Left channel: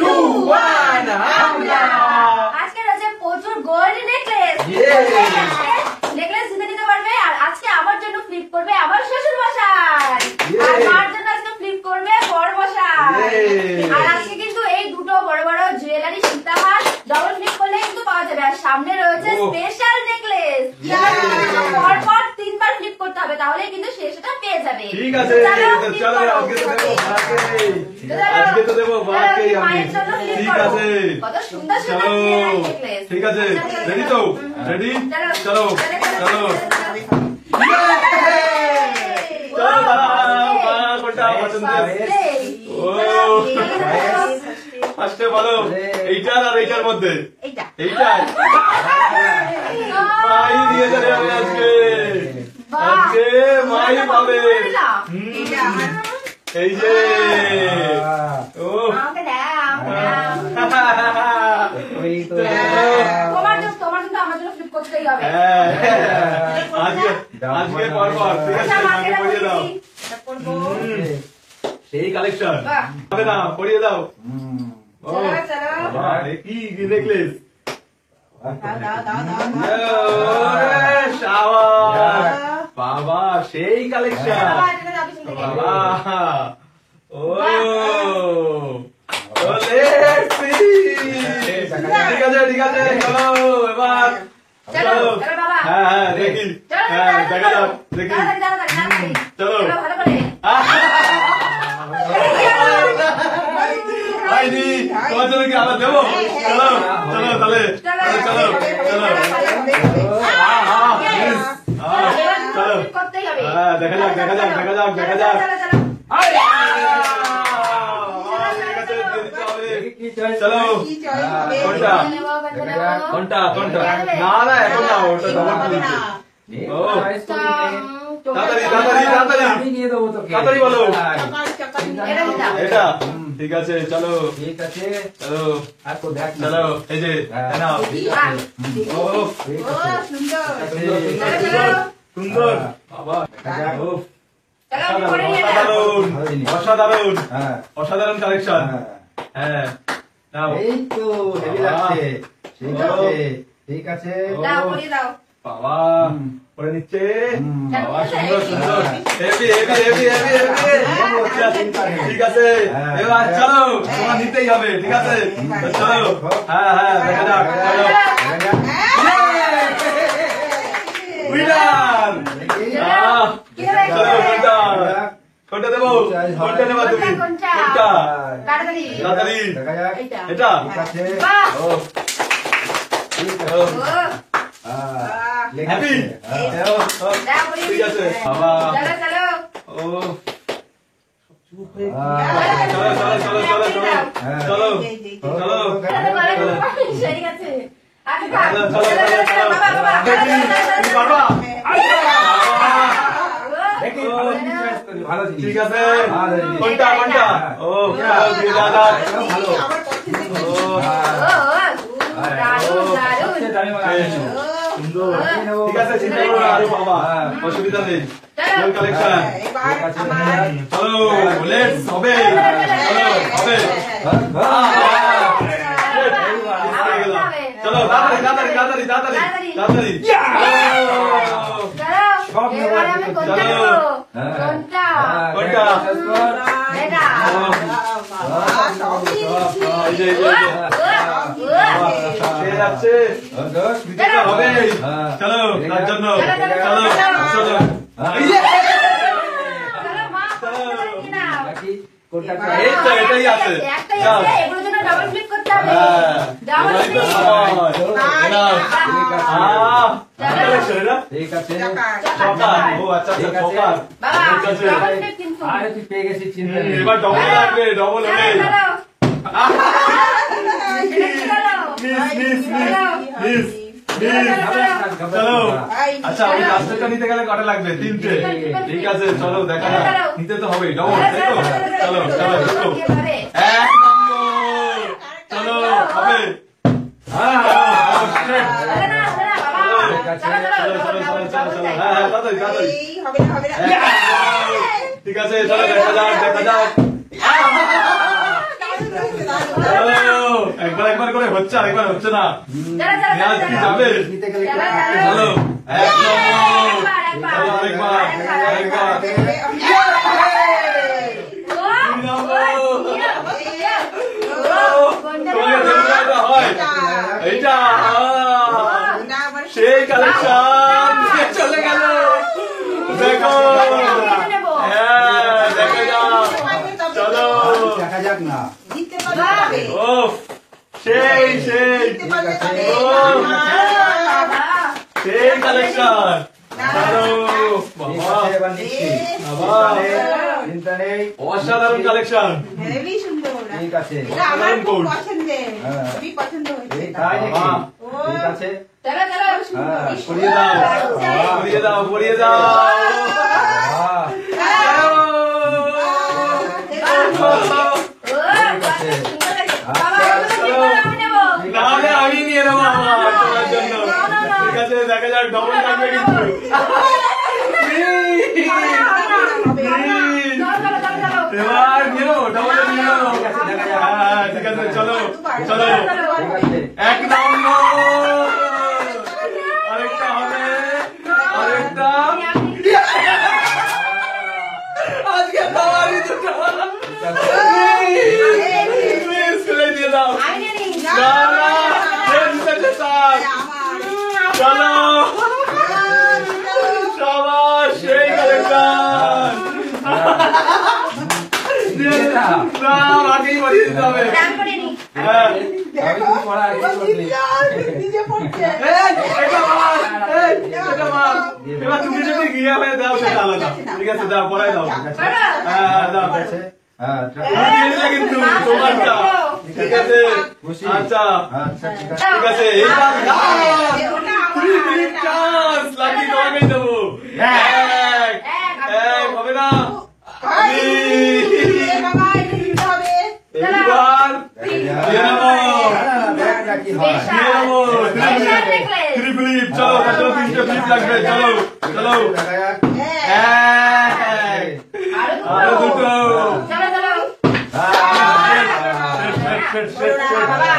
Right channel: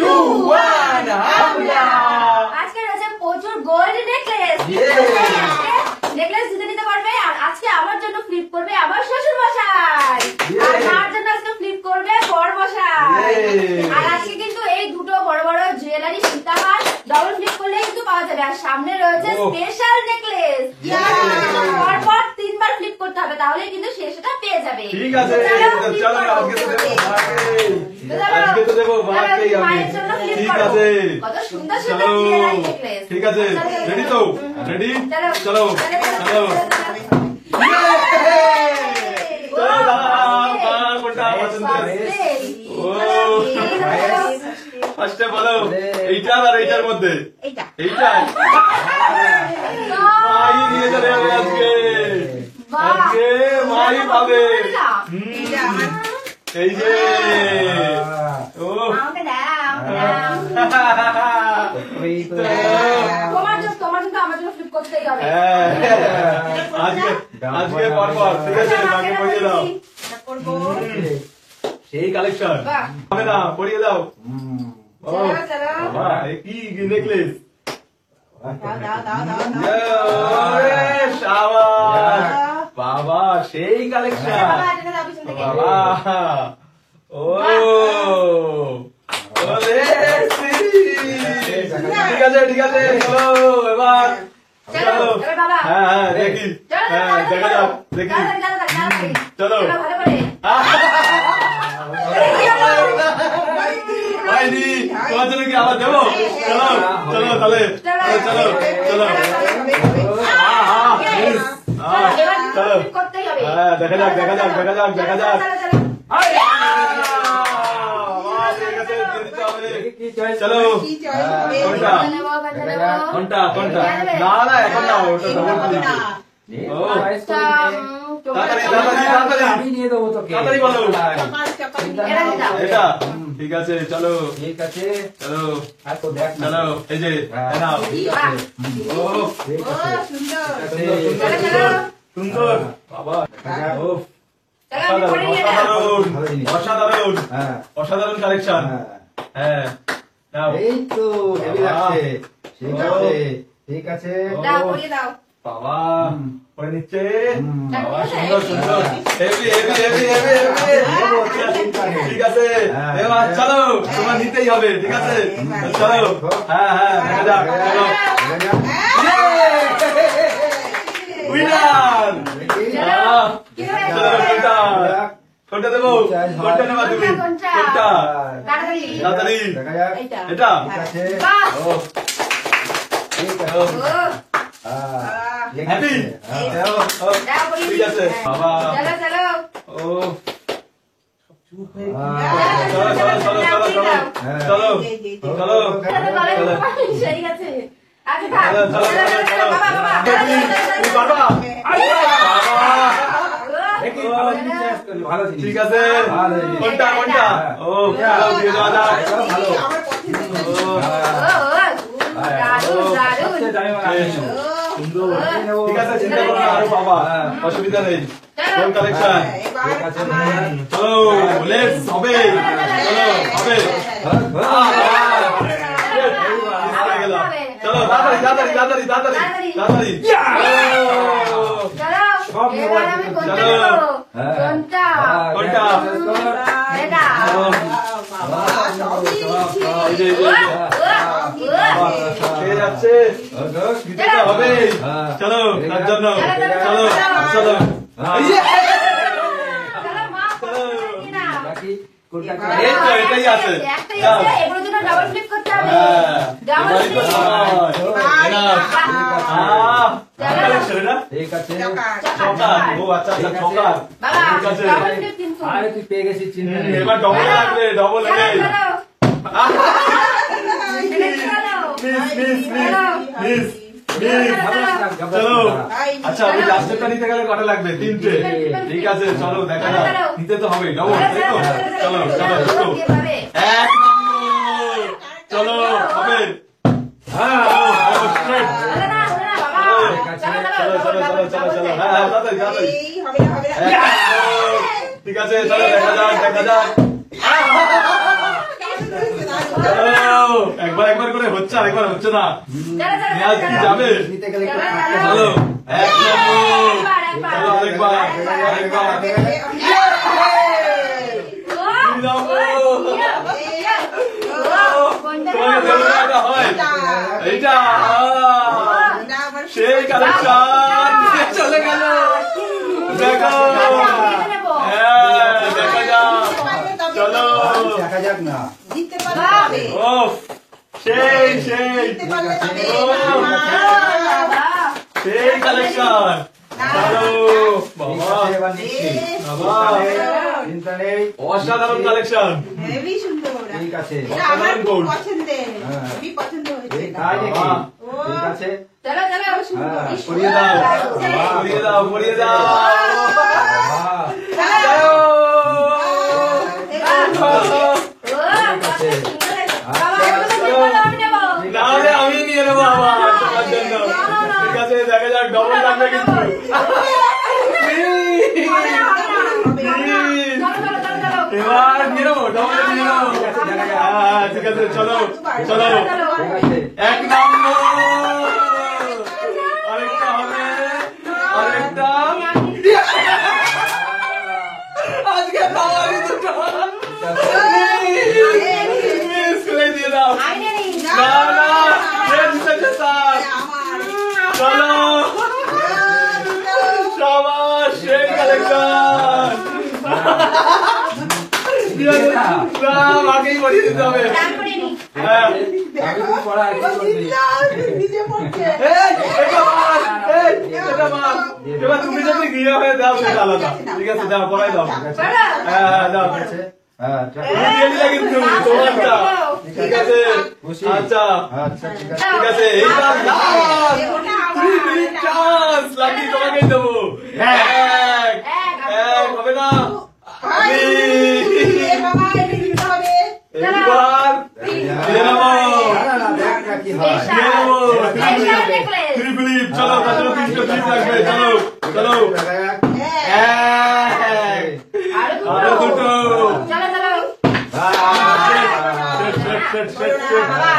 2 1 হামলা। আজকে রয়েছে প্রচুর গোল্ড নেকলেস। নেকলেস জিতে নিতে পারবে। আর আজকে আমার জন্য ফ্লিপ করবে আমার শ্বশুর মশাই, আর মার জন্য আজকে ফ্লিপ করবে বর মশাই। আর আজকে কিন্তু এই দুটো বড় বড় জুয়েলারি সীতাহার ডবল ফ্লিপ করলে কিন্তু পাওয়া যাবে। আর সামনে রয়েছে স্পেশাল নেকলেস, পরপর 3 বার ফ্লিপ করতে হবে, তাহলে কিন্তু সে সেটা পেয়ে যাবে। ঠিক আছে, চলো আজকে তো দেবো মাকে, আজকে তো দেবো মাকে আমি। ঠিক আছে, কত সুন্দর চলো সুন্দর জুয়েলারি নেকলেস। ঠিক আছে, রেডি তো? রেডি, চলো চলো চলো দাঁড়াও, কোনটা পছন্দ? ও ফার্স্টে বলো, এইটা আর এইটার মধ্যে এইটা মাই নিয়ে যাবে আজকে, আজকে মাই পাবে। এই যে ও তোমার জন্য আমার জন্য ফ্লিপ করতেই হবে। আজকে পরপর ঠিক আছে, মাকে পরিয়ে দাও। সেই কালেকশন হবে না, পরিয়ে দাও। কি নেকলেস, বাবা সেই কালেকশন বাবা। ও ঠিক আছে ঠিক আছে, চলো এবার হ্যাঁ হ্যাঁ দেখি, হ্যাঁ দেখা যাক দেখি, চলো হয়নি তোমার জন্য কি আবার দেবো? চলো চলো তাহলে চলো চলো চলো, হ্যাঁ দেখা যাক দেখা যাক দেখা যাক দেখা যাক। চলো কোনটা কোনটা কোনটা? না না এখন না, ওটা ডবল ফ্লিপ। ও তাড়াতাড়ি তাড়াতাড়ি তাড়াতাড়ি তাড়াতাড়ি বলো। এটা ঠিক আছে, চলো ঠিক আছে, চলো চলো এই যে ও সুন্দর বাবা, অসাধারণ অসাধারণ কালেকশন। হ্যাঁ এই তো হেভি লাগছে, ঠিক আছে বাবা পরে নিচ্ছে বাবা, সুন্দর সুন্দর heavy heavy heavy heavy heavy. ঠিক আছে এবার চলো, তোমার নিতেই হবে। ঠিক আছে চলো, হ্যাঁ হ্যাঁ দেখা যাক, চলো উইনার। কোনটা দেবো, কোনটা নেবা তুমি, কোনটা? তাড়াতাড়ি এটা হ্যাপি, ঠিক আছে বাবা। ও চলো চলো চলো চলো চলো চলো চলো সেই আছে। ঠিক আছে কোনটা কোনটা? ও ভালো, সুন্দর ঠিক আছে, চিন্তা করো না আরো বাবা, অসুবিধা নেই। কোন কালেকশন? চলো লেটস হবে, চলো হবে, চলো তাড়াতাড়ি তাড়াতাড়ি তাড়াতাড়ি তাড়াতাড়ি তাড়াতাড়ি হবে। চলো তার জন্য চলো চলো এটাই আছে, ঠিক আছে। ও আচ্ছা আরে তুই পেয়ে গেছিস, চিন্তা নেই, এবার ডবল লাগবে, ডবল হবে। চলো আচ্ছা, ওই লাস্টেরটা নিতে গেলে কটা লাগবে? 3টে। ঠিক আছে চলো দেখা যাক, নিতে তো হবে ডবল, তাই তো? চলো চলো চলো 1 নম্বর, চলো হবে। হ্যাঁ ঠিক আছে চলো দেখা যাক দেখা যাক। একবার একবার করে হচ্ছে আর একবার হচ্ছে না। আজ কি যাবে? চলো এক নম্বর, চলো আরেকবার আরেকবার এইটা সেই কালেকশন চলে গেল। দেখো হ্যাঁ দেখা যাক, চলো দেখা যাক না। ও সেই সেই সেই কালেকশন। অসাধারণ কালেকশন। হেভি সুন্দর। ঠিক আছে, এটা আমার খুব পছন্দের, খুবই পছন্দ হয়েছে। তাই নাকি? ঠিক আছে, চলো চলো সুন্দর। পরিয়ে দাও পরিয়ে দাও পরিয়ে দাও। তাহলে আমি নিয়ে নেবো আমার তোমার জন্য। ঠিক আছে দেখা যাক ডবল লাগবে কিন্তু। এবার নিয়ে নেবো ডবল নিয়ে নেবো। ঠিক আছে চলো চলো ঠিক আছে। এক নম্বর আরেকটা হবে আরেকটা। আজকে খাওয়ারই দুটো মিস করে দিয়ে দাও। না না চলো সবার সেই কালেকশন। আগেই বলিয়ে দিতে হবে। হ্যাঁ নিজে পড়ছে। এবার তুমি যদি গিয়ে হয়ে দাও সেটা আলাদা। ঠিক আছে দাও পড়াই দাও। হ্যাঁ দাও দিয়ে দিলে কিন্তু তোমারটা। ঠিক আছে আচ্ছা আচ্ছা ঠিক আছে। ঠিক আছে এইবার লাকি তোমাকে দেবো। এক এক হবে না। এইবার দিয়ে নেবো কি হয়? Three flip. চলো চলো তিনটে ফ্লিপ লাগবে। চলো চলো আরো দুটো। চলো চলো সেট সেট সেট সেট